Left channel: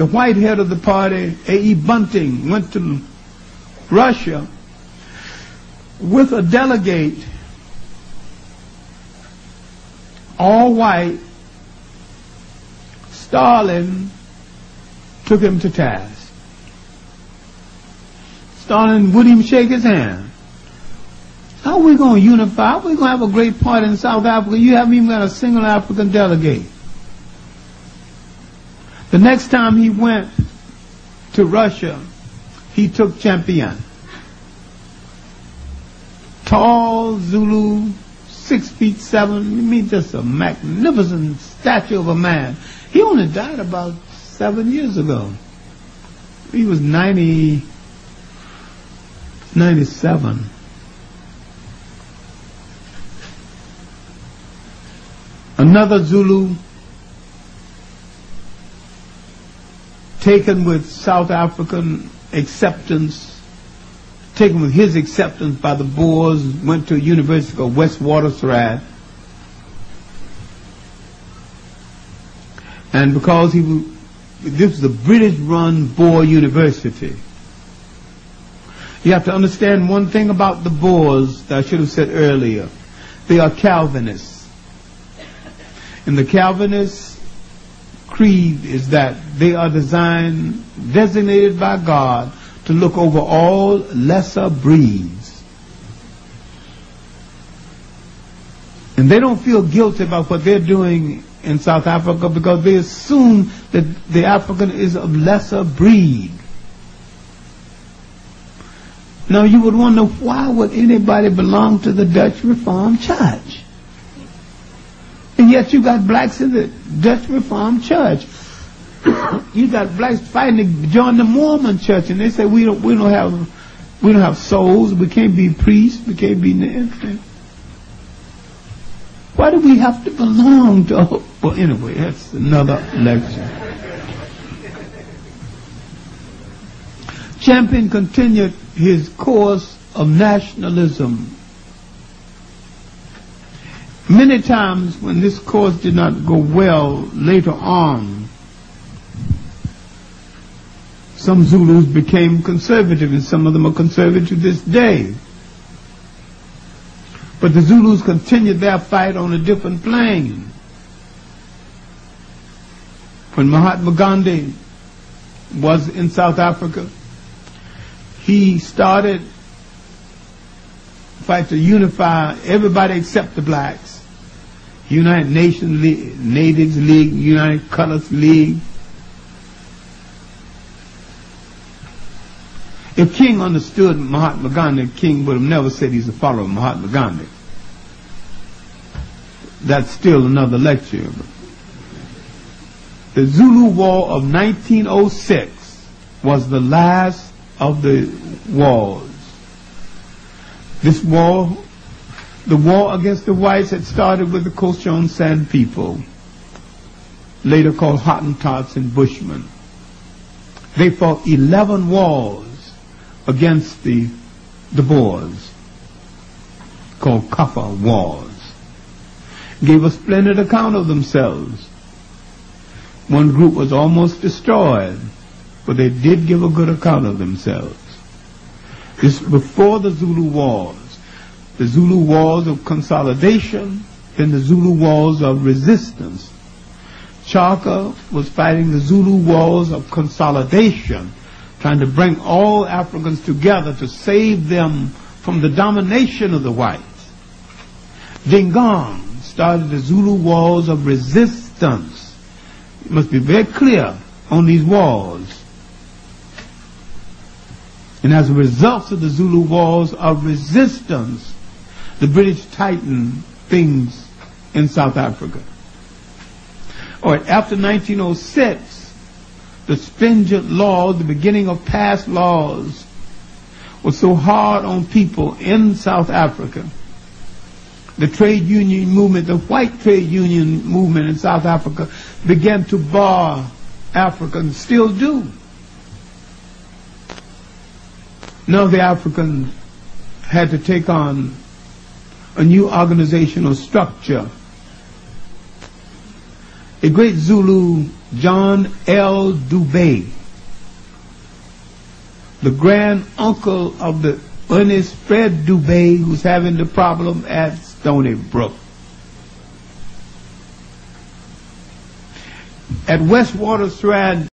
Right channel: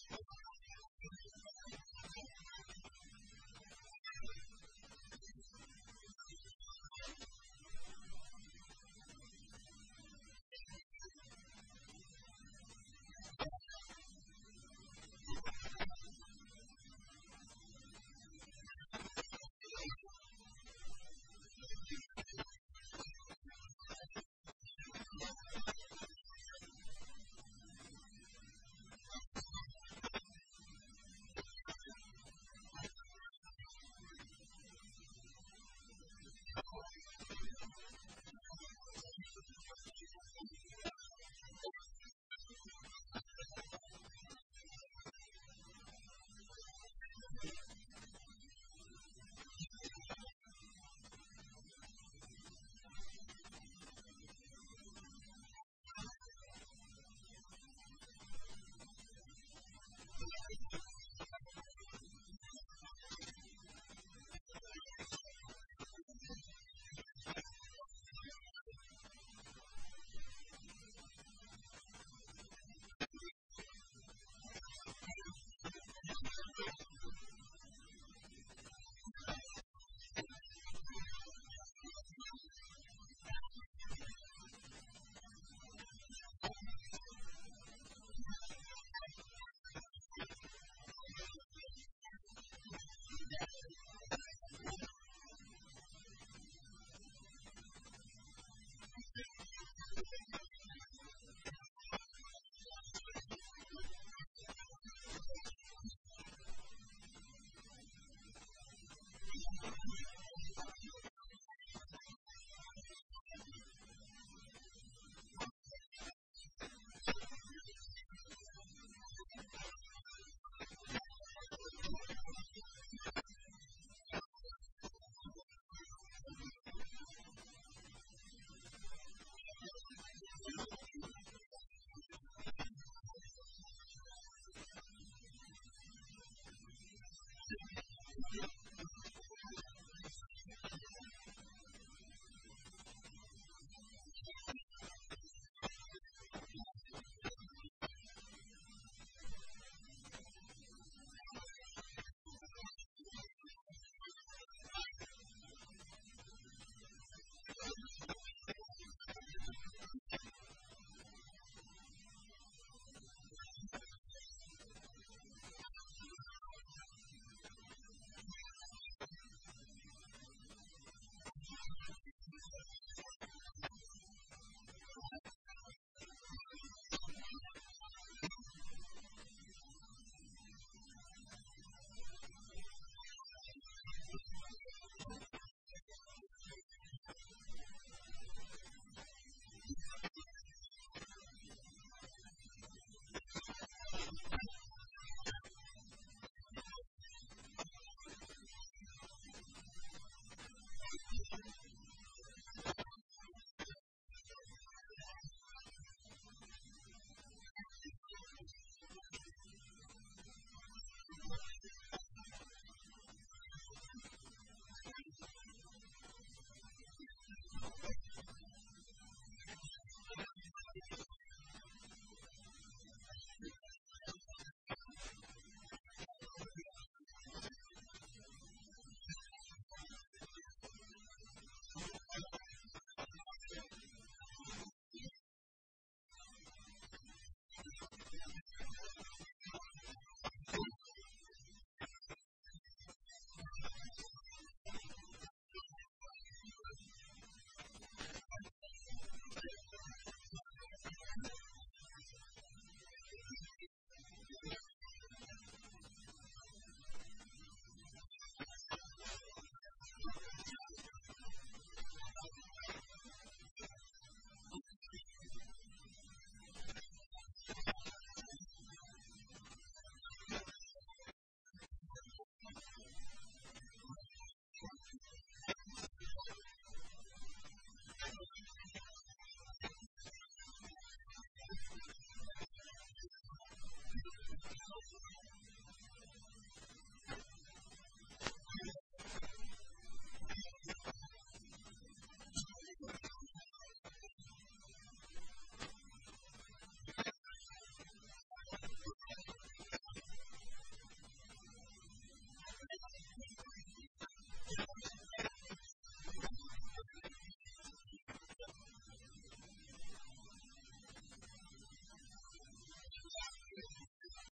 the white head of the party, A.E. Bunting, went to Russia with a delegate, all white, Stalin took him to task. Stalin wouldn't even shake his hand. How are we going to unify? How are we going to have a great party in South Africa? You haven't even got a single African delegate. The next time he went to Russia, he took Champion. Tall Zulu, 6'7", I mean, just a magnificent statue of a man. He only died about 7 years ago. He was 97. Another Zulu taken with South African acceptance, taken with his acceptance by the Boers, went to University of Witwatersrand. And because this was a British-run Boer university. You have to understand one thing about the Boers that I should have said earlier. They are Calvinists. And the Calvinist creed is that they are designated by God to look over all lesser breeds. And they don't feel guilty about what they're doing in South Africa because they assume that the African is of lesser breed. Now you would wonder, why would anybody belong to the Dutch Reformed Church? And yet you got blacks in the Dutch Reformed Church. You got blacks fighting to join the Mormon Church, and they say we don't have souls, we can't be priests, we can't be anything. Why do we have to belong to? Well, anyway, that's another lecture. Champion continued his course of nationalism. Many times when this course did not go well later on, some Zulus became conservative, and some of them are conservative to this day. But the Zulus continued their fight on a different plane. When Mahatma Gandhi was in South Africa, he started a fight to unify everybody except the blacks. United Nations League, Natives League, United Colors League. If King understood Mahatma Gandhi, King would have never said he's a follower of Mahatma Gandhi. That's still another lecture. The Zulu War of 1906 was the last of the wars. This war, the war against the whites, had started with the Cochon Sand people, later called Hottentots and Bushmen. They fought 11 wars against the Boers, called Kaffa Wars. Gave a splendid account of themselves. One group was almost destroyed, but they did give a good account of themselves. This before the Zulu Wars. The Zulu Wars of consolidation, then the Zulu Wars of resistance. Clarke was fighting the Zulu Wars of consolidation, trying to bring all Africans together to save them from the domination of the whites. Dingaan started the Zulu Wars of resistance. You must be very clear on these wars. And as a result of the Zulu Wars of resistance, the British tightened things in South Africa. All right, after 1906, the stringent laws, the beginning of past laws, was so hard on people in South Africa. The trade union movement, the white trade union movement in South Africa began to bar Africans, still do. Now the Africans had to take on a new organizational structure. a great Zulu, John L. Dubé, the grand uncle of the Ernest Fred Dubé, who's having the problem at Stony Brook. At Westwater Strand